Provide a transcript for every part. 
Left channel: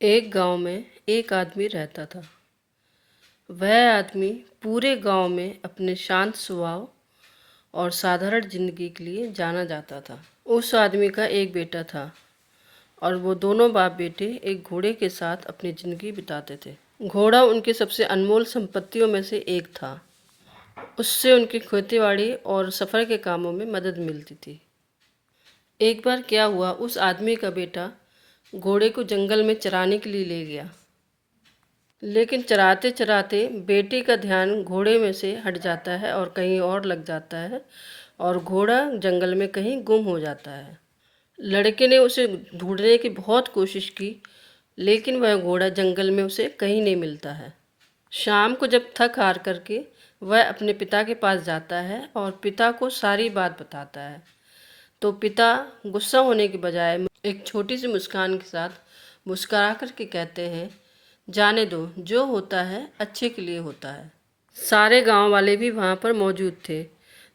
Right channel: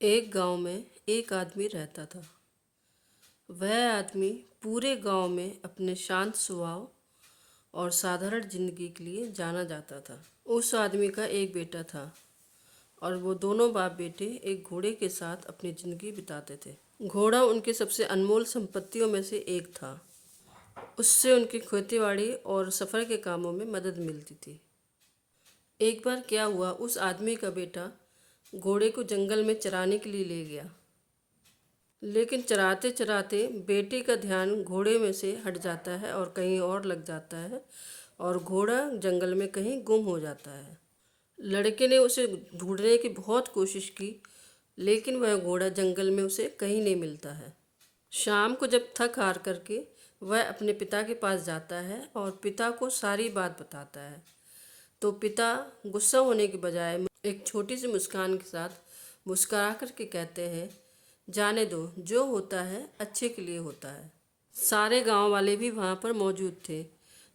एक गांव में एक आदमी रहता था। वह आदमी पूरे गांव में अपने शांत स्वभाव और साधारण जिंदगी के लिए जाना जाता था। उस आदमी का एक बेटा था और वो दोनों बाप बेटे एक घोड़े के साथ अपनी जिंदगी बिताते थे। घोड़ा उनकी सबसे अनमोल संपत्तियों में से एक था। उससे उनकी खेतीबाड़ी और सफ़र के कामों में मदद मिलती थी। एक बार क्या हुआ, उस आदमी का बेटा घोड़े को जंगल में चराने के लिए ले गया। लेकिन चराते चराते बेटे का ध्यान घोड़े में से हट जाता है और कहीं और लग जाता है और घोड़ा जंगल में कहीं गुम हो जाता है। लड़के ने उसे ढूंढने की बहुत कोशिश की, लेकिन वह घोड़ा जंगल में उसे कहीं नहीं मिलता है। शाम को जब थक हार करके वह अपने पिता के पास जाता है और पिता को सारी बात बताता है, तो पिता गुस्सा होने के बजाय एक छोटी सी मुस्कान के साथ मुस्कुरा करके कहते हैं, जाने दो, जो होता है अच्छे के लिए होता है। सारे गांव वाले भी वहाँ पर मौजूद थे।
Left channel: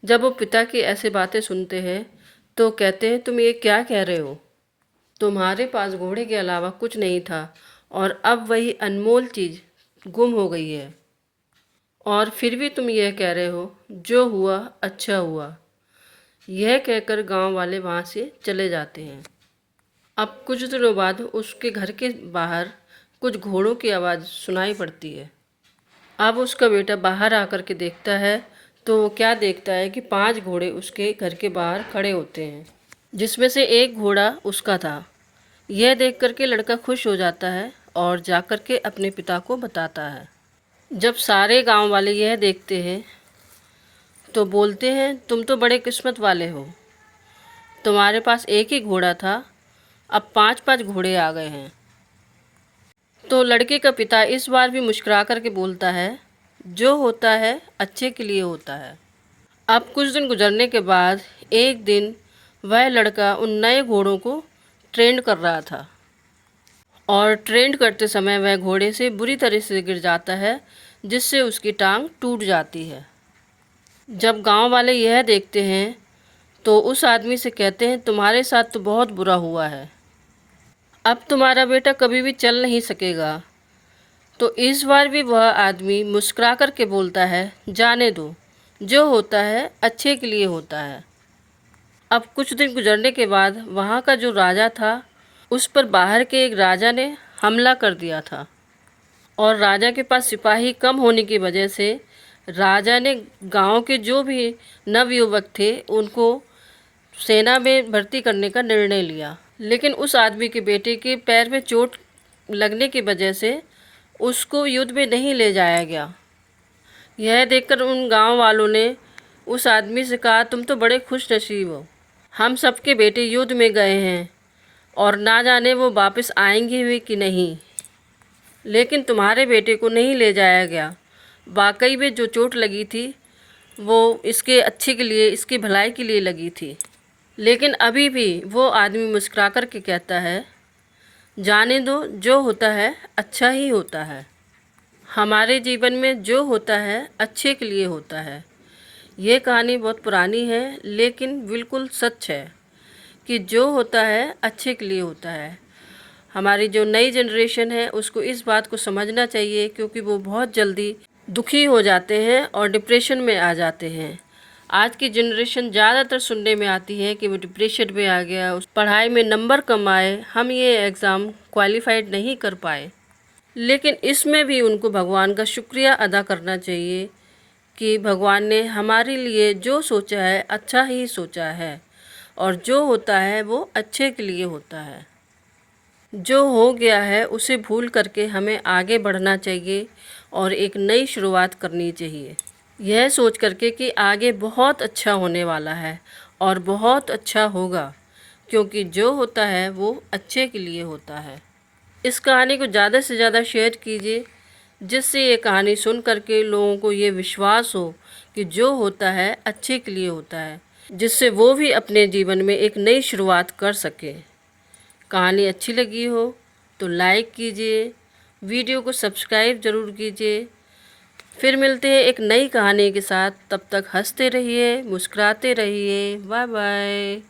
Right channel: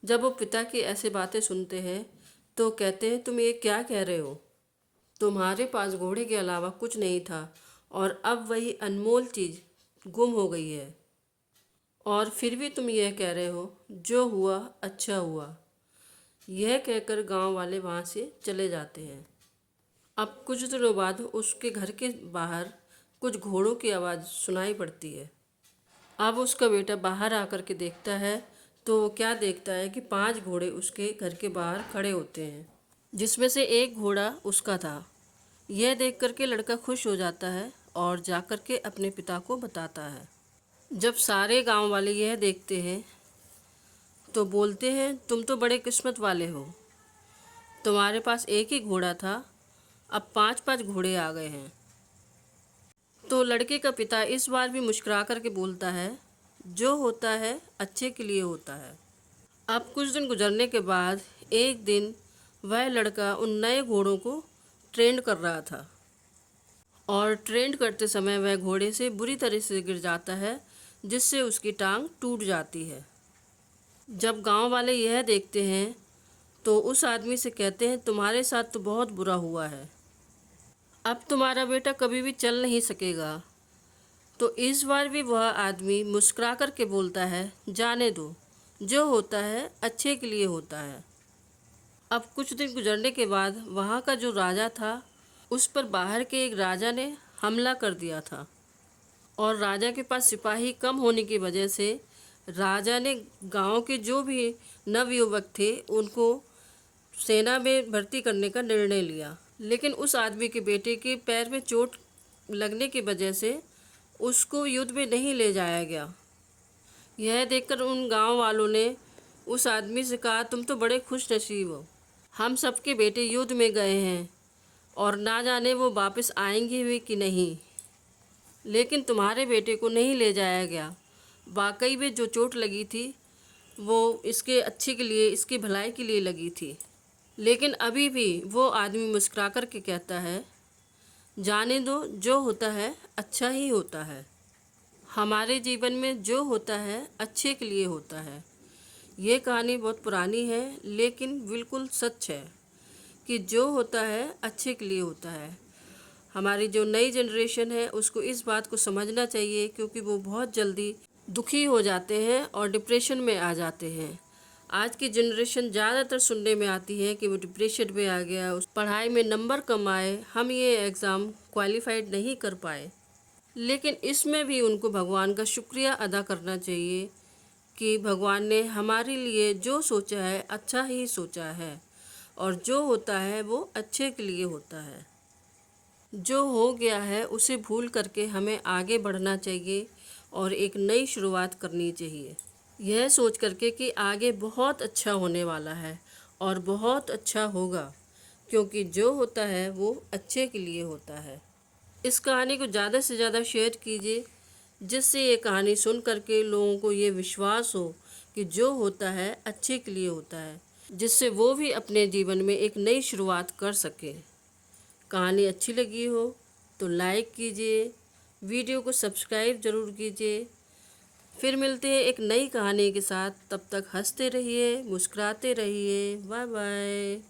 जब वो पिता की ऐसी बातें सुनते हैं तो कहते हैं, तुम ये क्या कह रहे हो? तुम्हारे पास घोड़े के अलावा कुछ नहीं था और अब वही अनमोल चीज़ गुम हो गई है, और फिर भी तुम यह कह रहे हो जो हुआ अच्छा हुआ। यह कहकर गांव वाले वहाँ से चले जाते हैं। अब कुछ दिनों बाद उसके घर के बाहर कुछ घोड़ों की आवाज़ सुनाई पड़ती है। अब उसका बेटा बाहर आकर के देखता है तो वो क्या देखता है कि 5 घोड़े उसके घर के बाहर खड़े होते हैं, जिसमें से एक घोड़ा उसका था। यह देख कर के लड़का खुश हो जाता है और जाकर के अपने पिता को बताता है। जब सारे गांव वाले यह देखते हैं तो बोलते हैं, तुम तो बड़े किस्मत वाले हो, तुम्हारे पास एक ही घोड़ा था, अब 5-5 घोड़े आ गए हैं। तो लड़के का पिता इस बार भी मुस्कुरा कर के बोलता है, जो होता है अच्छे के लिए होता है। अब कुछ दिन गुजरने के बाद एक दिन वह लड़का उन नए घोड़ों को ट्रेंड कर रहा था और ट्रेंड करते समय वह घोड़े से बुरी तरह से गिर जाता है, जिससे उसकी टांग टूट जाती है। जब गांव वाले यह देखते हैं तो उस आदमी से कहते हैं, तुम्हारे साथ तो बहुत बुरा हुआ है, अब तुम्हारा बेटा कभी भी चल नहीं सकेगा। तो इस बार भी वह आदमी मुस्कुरा कर के बोलता है, जाने दो, जो होता है अच्छे के लिए होता है। अब कुछ दिन गुजरने के बाद वहाँ का जो राजा था, उस पर बाहर के एक राजा ने हमला कर दिया था और राजा के पास सिपाही कम होने की वजह से राजा ने गांव के जो भी नवयुवक थे उनको सेना में भर्ती करने का निर्णय लिया। लेकिन उस आदमी के बेटे के पैर में चोट लगने की वजह से उसको युद्ध में नहीं ले जाया गया। यह देखकर उन गांव वालों ने उस आदमी से कहा, तुम तो बड़े खुश नसीब हो, हम सबके बेटे युद्ध में गए हैं और ना जाने वो वापस आएंगे भी कि नहीं, लेकिन तुम्हारे बेटे को नहीं ले जाया गया। वाकई में जो चोट लगी थी वो इसके अच्छे के लिए, इसकी भलाई के लिए लगी थी। लेकिन अभी भी वो आदमी मुस्कुरा कर के कहता है, जाने दो, जो होता है अच्छा ही होता है। हमारे जीवन में जो होता है अच्छे के लिए होता है। ये कहानी बहुत पुरानी है, लेकिन बिल्कुल सच है कि जो होता है अच्छे के लिए होता है। हमारी जो नई जनरेशन है उसको इस बात को समझना चाहिए, क्योंकि वो बहुत जल्दी दुखी हो जाते हैं और डिप्रेशन में आ जाते हैं। आज की जनरेशन ज़्यादातर सुनने में आती है कि वो डिप्रेशन में आ गया, उस पढ़ाई में नंबर कम आए, हम ये एग्ज़ाम क्वालिफाइड नहीं कर पाए। लेकिन इसमें भी उनको भगवान का शुक्रिया अदा करना चाहिए कि भगवान ने हमारे लिए जो सोचा है अच्छा ही सोचा है, और जो होता है वो अच्छे के लिए होता है। जो हो गया है उसे भूल करके हमें आगे बढ़ना चाहिए और एक नई शुरुआत करनी चाहिए, यह सोच करके कि आगे बहुत अच्छा होने वाला है और बहुत अच्छा होगा, क्योंकि जो होता है वो अच्छे के लिए होता है। इस कहानी को ज़्यादा से ज़्यादा शेयर कीजिए, जिससे ये कहानी सुन करके लोगों को ये विश्वास हो कि जो होता है अच्छे के लिए होता है, जिससे वो भी अपने जीवन में एक नई शुरुआत कर सके। कहानी अच्छी लगी हो तो लाइक कीजिए, वीडियो को सब्सक्राइब ज़रूर कीजिए। फिर मिलते हैं एक नई कहानी के साथ, तब तक हंसते रहिए, मुस्कुराते रहिए। Bye bye.